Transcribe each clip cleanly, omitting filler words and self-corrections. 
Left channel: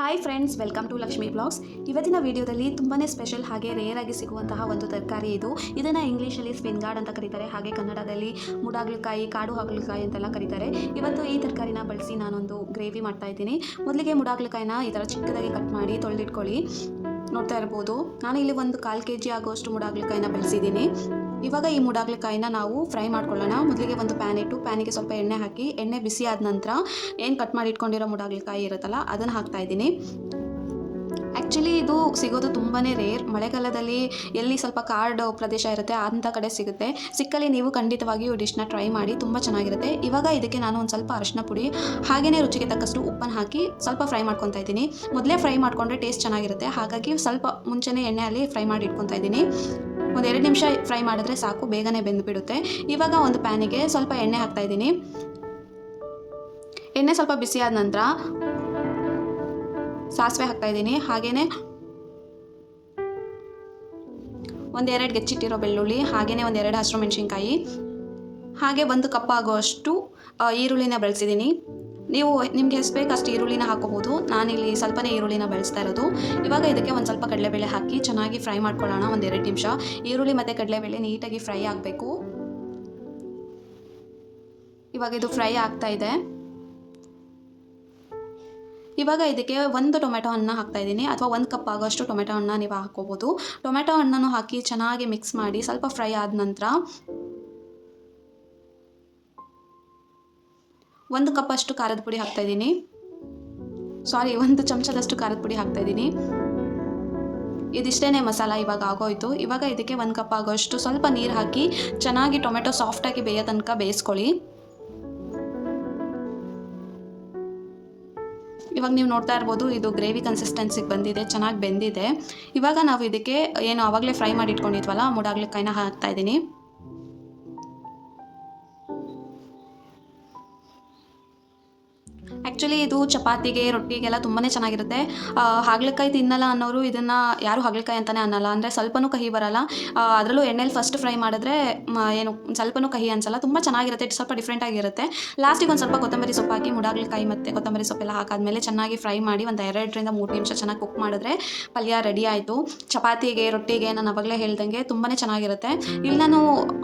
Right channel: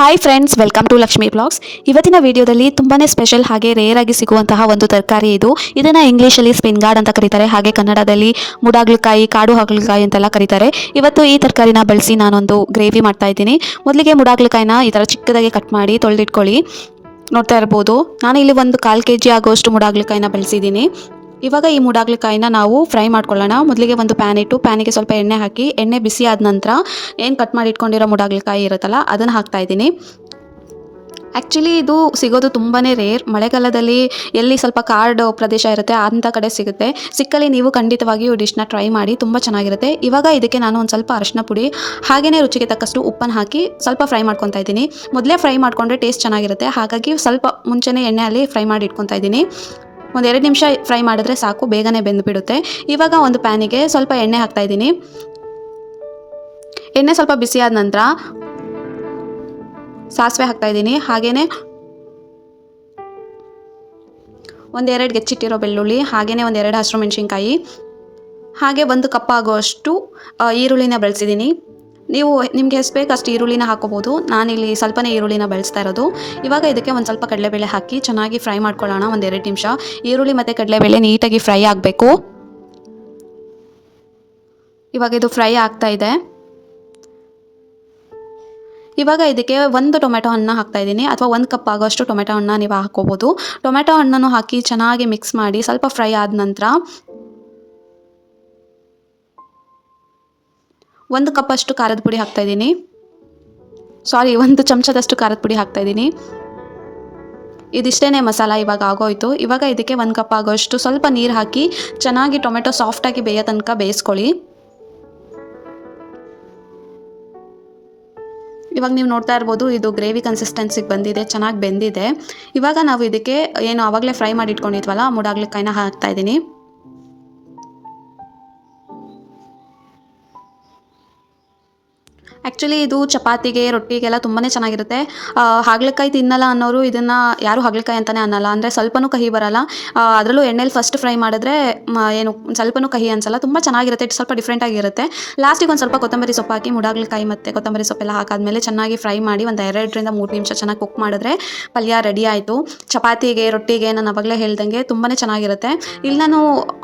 Hi friends, welcome to Lakshmi blogs. ಇವತ್ತಿನ ವಿಡಿಯೋದಲ್ಲಿ ತುಂಬಾ ಸ್ಪೆಷಲ್ ಹಾಗೆ ರೇರ್ ಆಗಿ ಸಿಗುವಂತಹ ಒಂದು ತರಕಾರಿ ಇದು. ಇದನ್ನು ಇಂಗ್ಲೀಷಲ್ಲಿ ಸ್ಪಿನ್ಗಾರ್ಡ್ ಅಂತ ಕರೀತಾರೆ, ಹಾಗೆ ಕನ್ನಡದಲ್ಲಿ ಮುಡಾಗ್ಲಕಾಯಿ, ಕಾಡು ಹಾಗಲಕಾಯಿ ಅಂತೆಲ್ಲ ಕರೀತಾರೆ. ಇವತ್ತು ಈ ತರಕಾರಿನ ಬಳಸಿ ನಾನೊಂದು ಗ್ರೇವಿ ಮಾಡ್ತಾ ಇದ್ದೀನಿ. ಮೊದಲಿಗೆ ಮುಡಾಗ್ಲಕಾಯಿನ ಈ ಥರ ಚಿಕ್ಕದಾಗಿ ಕಟ್ ಮಾಡಿ ತೊಳೆದಿಟ್ಕೊಳ್ಳಿ. ನೋಡ್ತಾ ಇರ್ಬೋದು, ನಾನು ಇಲ್ಲಿ ಒಂದು 1/4 kg ಆಗೋಷ್ಟು ಮುಡಾಗ್ಲಕಾಯಿನ ಬಳಸಿದ್ದೀನಿ. ಇವಾಗ ಈ ಮುಡಾಗ್ಲಕಾಯಿನ ನಾವು ಫ್ರೈ ಮಾಡ್ಕೊಳ್ಳೋಣ. ಮೊದಲಿಗೆ ಒಂದು ಪ್ಯಾನ್ ಇಟ್ಟು ಪ್ಯಾನಿಗೆ ಸ್ವಲ್ಪ ಎಣ್ಣೆ ಹಾಕಿ, ಎಣ್ಣೆ ಬಿಸಿ ಆದ ನಂತರ ಏನು ಕಟ್ ಮಾಡಿ ಇಟ್ಕೊಂಡಿರೋ ಮುಡಾಗ್ಲಕಾಯಿ ಇರುತ್ತಲ್ಲ ಅದನ್ನು ಹಾಕ್ತಾಯಿದ್ದೀನಿ. ಆ್ಯಕ್ಚುಲಿ ಇದು ಸಿಗೋದು ತುಂಬಾ ರೇರ್. ಮಳೆಗಾಲದಲ್ಲಿ ಎಲ್ಲಿ ಸ್ವಲ್ಪ ಕಾಡು ಪ್ರದೇಶ ಇರುತ್ತೆ ಅಂಥ ಕಡೆ ಸಿಗುತ್ತೆ. ಸಿಕ್ಕಲ್ಲಿ ನೀವು ಖಂಡಿತವಾಗಿ ಈ ಡಿಶ್ನ ಟ್ರೈ ಮಾಡಿ, ತುಂಬ ಚೆನ್ನಾಗಿರುತ್ತೆ. ಇವಾಗ ಇದಕ್ಕೆ ನಾನು ಒಂದು ಸ್ವಲ್ಪ ಅರಿಶಿನ ಪುಡಿ ಹಾಗೆಯೇ ರುಚಿಗೆ ತಕ್ಕಷ್ಟು ಉಪ್ಪನ್ನು ಹಾಕಿ ಸ್ವಲ್ಪ ಫ್ರೈ ಮಾಡ್ಕೊತಾ ಇದ್ದೀನಿ. ಮೊದಲೇ ಫ್ರೈ ಮಾಡಿಕೊಂಡ್ರೆ ಟೇಸ್ಟ್ ಚೆನ್ನಾಗಿರುತ್ತೆ, ಹಾಗಾಗಿ ಸ್ವಲ್ಪ ಮುಂಚೆನೇ ಎಣ್ಣೆಯಲ್ಲಿ ಫ್ರೈ ಮಾಡಿ ಇಟ್ಕೊತಾ ಇದ್ದೀನಿ. ಒಂದು 2 ನಿಮಿಷ ಫ್ರೈ ಮಾಡಿದ್ರೆ ಸಾಕು, ಬೇಗನೆ ಬೆಂದುಬಿಡುತ್ತೆ. ಇವಾಗ ಒಂದು ಪ್ಯಾನಿಗೆ ಸ್ವಲ್ಪ ಎಣ್ಣೆ ಹಾಕ್ತಾಯಿದ್ದೀನಿ. ಎಣ್ಣೆ ಸ್ವಲ್ಪ ಬಿಸಿ ಆದ ನಂತರ ಸಾಸಿವೆ ಹಾಕ್ತಾಯಿದ್ದೀನಿ. ಹಾಗೆಯೇ 1-2 ಹೆಚ್ಚಿಟ್ಟಿರೋ ಬೆಳ್ಳುಳ್ಳಿ, ಹಾಗೆಯೇ 1-2 ಹಸಿರು ಮೆಣಸಿನ್ಕಾಯಿ, ಹಾಗೆ 1 ಕಪ್ ಆಗುವಷ್ಟು ಈರುಳ್ಳಿನ ಬಳಸಿದ್ದೀನಿ. ನೀವು ನಿಮಗೆ ಎಷ್ಟು ಬೇಕು ಅಷ್ಟು ಈರುಳ್ಳಿನ ಹಾಕೋಬೋದು. ನಾನಿಲ್ಲಿ ಸ್ವಲ್ಪನೇ ಈರುಳ್ಳಿನ ಬಳಸ್ತಾ ಇರೋದು. ಇವಾಗ ಇದಕ್ಕೆ ಒಂದು ಸ್ವಲ್ಪ ಕಡಲೆಬೇಳೆ ಹಾಕಿ ಚೆನ್ನಾಗಿ ಫ್ರೈ ಮಾಡ್ಕೊಳ್ಳೋಣ. 1-2 ನಿಮಿಷ ಈರುಳ್ಳಿ ಮತ್ತು ಕಡಲೆಬೇಳೆ ನೀಟಾಗಿ ಫ್ರೈ ಆಗಬೇಕು. ಇವಾಗ ಇದು ಫ್ರೈ ಆಗ್ತಾ ಇದೆ. ಇವಾಗ ಇದಕ್ಕೆ 1 ಟೊಮೆಟೊ ಹಣ್ಣು ಹಾಕ್ತಾಯಿದ್ದೀನಿ, ಅಥವಾ 1 ಕಪ್ ಆಗೋಷ್ಟು ಟೊಮೆಟೊ ಹಣ್ಣು ನೀವು ಹಾಕೋಬೋದು. ಟೊಮೆಟೊ ಹಣ್ಣನ್ನು ಹಾಕಿ ಚೆನ್ನಾಗಿ ಮಿಕ್ಸ್ ಮಾಡಿ ಸ್ವಲ್ಪ ಫ್ರೈ ಆದ ನಂತರ 1 ಕಪ್ ಅಷ್ಟು ಖಾರದ ಪುಡಿ ಹಾಕ್ತಾಯಿದ್ದೀನಿ. 1 ಚಮಚದಷ್ಟು ಖಾರದ ಪುಡಿ ಹಾಕ್ತಾಯಿದ್ದೀನಿ. ಇದಿಷ್ಟೇ ಮಸಾಲ ಇವಾಗ ಆಗೋಯ್ತು. ಇವಾಗ ಇದಕ್ಕೆ 1 ಕಪ್ ಆಗೋಷ್ಟು ಸ್ವಲ್ಪ ನೀರು ಹಾಕಿ ಚೆನ್ನಾಗಿ ಟೊಮೆಟೊ ಸಾಫ್ಟಾಗಿ ಬೇಯೋ ತನಕ ಬೇಯಿಸ್ಕೊಳ್ಳಿ. ಇವಾಗ ನೀವು ನೋಡ್ತಾ ಇರ್ಬೋದು, ಇದು ಗ್ರೇವಿ ಕನ್ಸಿಸ್ಟೆನ್ಸಿಗೆ ಬಂದಿದೆ, ಚೆನ್ನಾಗಿ ಬೆಂದಿದೆ. ಇವಾಗ ನಾವು ಇದಕ್ಕೆ ಏನು ಆವಾಗಲೇ ಫ್ರೈ ಮಾಡಿ ಇಟ್ಕೊಂಡಿದ್ವಲ್ಲ ಮುಡಾಗ್ಲಕಾಯಿನ ಹಾಕ್ತಾಯಿದ್ದೀನಿ. ಆ್ಯಕ್ಚುಲಿ ಇದು ಚಪಾತಿಗೆ, ರೊಟ್ಟಿಗೆಲ್ಲ ತುಂಬಾ ಚೆನ್ನಾಗಿರುತ್ತೆ. ಹಾಗಲಕಾಯಿ ತಿನ್ನಲ್ಲ ಅನ್ನೋರು ಇದನ್ನು ಯಾರು ಹಾಗಲಕಾಯಿ ಅಂತಲೇ ಅನ್ನಲ್ಲ. ಅಂದರೆ ಸ್ವಲ್ಪನೂ ಕಹಿ ಬರಲ್ಲ. ಅದರಲ್ಲೂ ಎಣ್ಣೆಲಿ ಫಸ್ಟ್ ಫ್ರೈ ಮಾಡಿದ್ರೆ ಏನು ಸ್ವಲ್ಪನೂ ಕಹಿ ಅನಿಸಲ್ಲ, ತುಂಬ ಚೆನ್ನಾಗಿರುತ್ತೆ. ಸ್ವಲ್ಪ ಡಿಫ್ರೆಂಟಾಗಿರುತ್ತೆ. ಲಾಸ್ಟಿಗೆ ಒಂದು ಸ್ವಲ್ಪ ಕೊತ್ತಂಬರಿ ಸೊಪ್ಪು ಹಾಕಿ ಮುಡಾಗ್ಲಕಾಯಿ ಮತ್ತು ಕೊತ್ತಂಬರಿ ಸೊಪ್ಪೆಲ್ಲ ಹಾಕಾದ್ಮೇಲೆ ಚೆನ್ನಾಗಿ ಫ್ರೈ ಮಾಡಿ ಒಂದು 2-3 ನಿಮಿಷ ಚೆನ್ನಾಗಿ ಕುಕ್ ಮಾಡಿದ್ರೆ ಪಲ್ಯ ರೆಡಿ ಆಯಿತು. ಚಪಾತಿಗೆ, ರೊಟ್ಟಿಗೆ ನಾನು ಅವಾಗಲೇ ಹೇಳ್ದಂಗೆ ತುಂಬಾ ಚೆನ್ನಾಗಿರುತ್ತೆ. ಇಲ್ಲಿ ನಾನು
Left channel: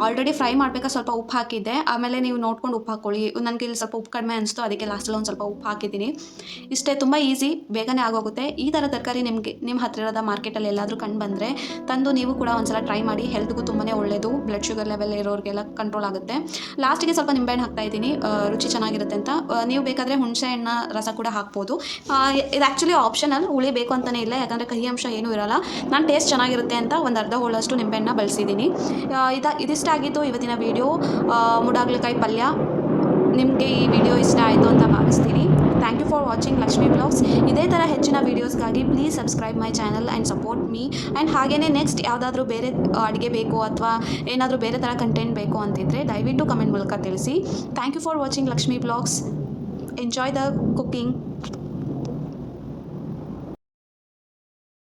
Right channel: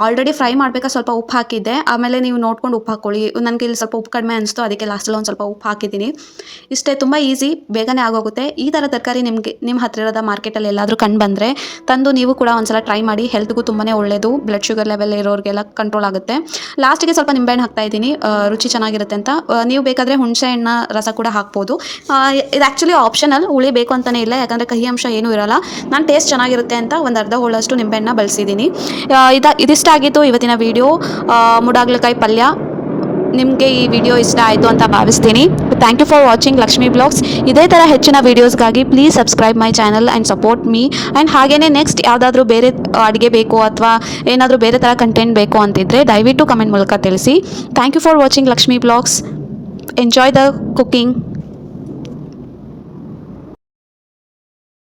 ಆಲ್ರೆಡಿ ಫ್ರೈ ಮಾಡಬೇಕಾದ್ರೆ ಸ್ವಲ್ಪ ಉಪ್ಪು ಹಾಕಿದ್ದೆ. ಆಮೇಲೆ ನೀವು ನೋಡ್ಕೊಂಡು ಉಪ್ಪು ಹಾಕ್ಕೊಳ್ಳಿ. ನನಗೆ ಇಲ್ಲಿ ಸ್ವಲ್ಪ ಉಪ್ಪು ಕಡಿಮೆ ಅನಿಸ್ತು, ಅದಕ್ಕೆ ಲಾಸ್ಟಲ್ಲಿ ಒಂದು ಸ್ವಲ್ಪ ಉಪ್ಪು ಹಾಕಿದ್ದೀನಿ. ಇಷ್ಟೇ, ತುಂಬ ಈಸಿ, ಬೇಗನೆ ಆಗೋಗುತ್ತೆ. ಈ ಥರ ತರಕಾರಿ ನಿಮ್ಮ ಹತ್ತಿರದ ಮಾರ್ಕೆಟಲ್ಲಿ ಎಲ್ಲಾದರೂ ಕಂಡು ಬಂದರೆ ತಂದು ನೀವು ಕೂಡ ಒಂದ್ಸಲ ಟ್ರೈ ಮಾಡಿ. ಹೆಲ್ತ್ಗೂ ತುಂಬಾ ಒಳ್ಳೆಯದು. ಬ್ಲಡ್ ಶುಗರ್ ಲೆವೆಲ್ ಇರೋರಿಗೆಲ್ಲ ಕಂಟ್ರೋಲ್ ಆಗುತ್ತೆ. ಲಾಸ್ಟಿಗೆ ಸ್ವಲ್ಪ ನಿಂಬೆಹಣ್ಣು ಹಾಕ್ತಾಯಿದ್ದೀನಿ, ರುಚಿ ಚೆನ್ನಾಗಿರುತ್ತೆ ಅಂತ. ನೀವು ಬೇಕಾದರೆ ಹುಣಸೆ ಹಣ್ಣ ರಸ ಕೂಡ ಹಾಕ್ಬೋದು. ಇದು ಆ್ಯಕ್ಚುಲಿ ಆಪ್ಷನಲ್, ಹುಳಿ ಬೇಕು ಅಂತಲೇ ಇಲ್ಲ, ಯಾಕಂದರೆ ಕಹಿ ಅಂಶ ಏನೂ ಇರೋಲ್ಲ. ನಾನು ಟೇಸ್ಟ್ ಚೆನ್ನಾಗಿರುತ್ತೆ ಅಂತ ಒಂದು ಅರ್ಧ ಹೋಳಷ್ಟು ನಿಂಬೆಹಣ್ಣ ಬಳಸಿದ್ದೀನಿ. ಇದಿಷ್ಟಾಗಿತ್ತು ಇವತ್ತಿನ ವಿಡಿಯೋ, ಮುಡಾಗ್ಲಕಾಯಿ ಪಲ್ಯ. ನಿಮಗೆ ಈ ವಿಡಿಯೋ ಇಷ್ಟ ಆಯಿತು ಅಂತ ಭಾವಿಸ್ತೀನಿ. Thank you for watching Lakshmi blogs. ಇದೇ ಥರ ಹೆಚ್ಚಿನ ವೀಡಿಯೋಸ್ಗಾಗಿ please subscribe my channel and support me. And ಹಾಗೆಯೇ ನೆಕ್ಸ್ಟ್ ಯಾವುದಾದ್ರೂ ಬೇರೆ ಅಡುಗೆ ಬೇಕು ಅಥವಾ ಏನಾದರೂ ಬೇರೆ ಥರ ಕಂಟೆಂಟ್ ಬೇಕು ಅಂತಿದ್ದರೆ ದಯವಿಟ್ಟು ಕಮೆಂಟ್ ಮೂಲಕ ತಿಳಿಸಿ. Thank you for watching Lakshmi blogs. Enjoy the cooking.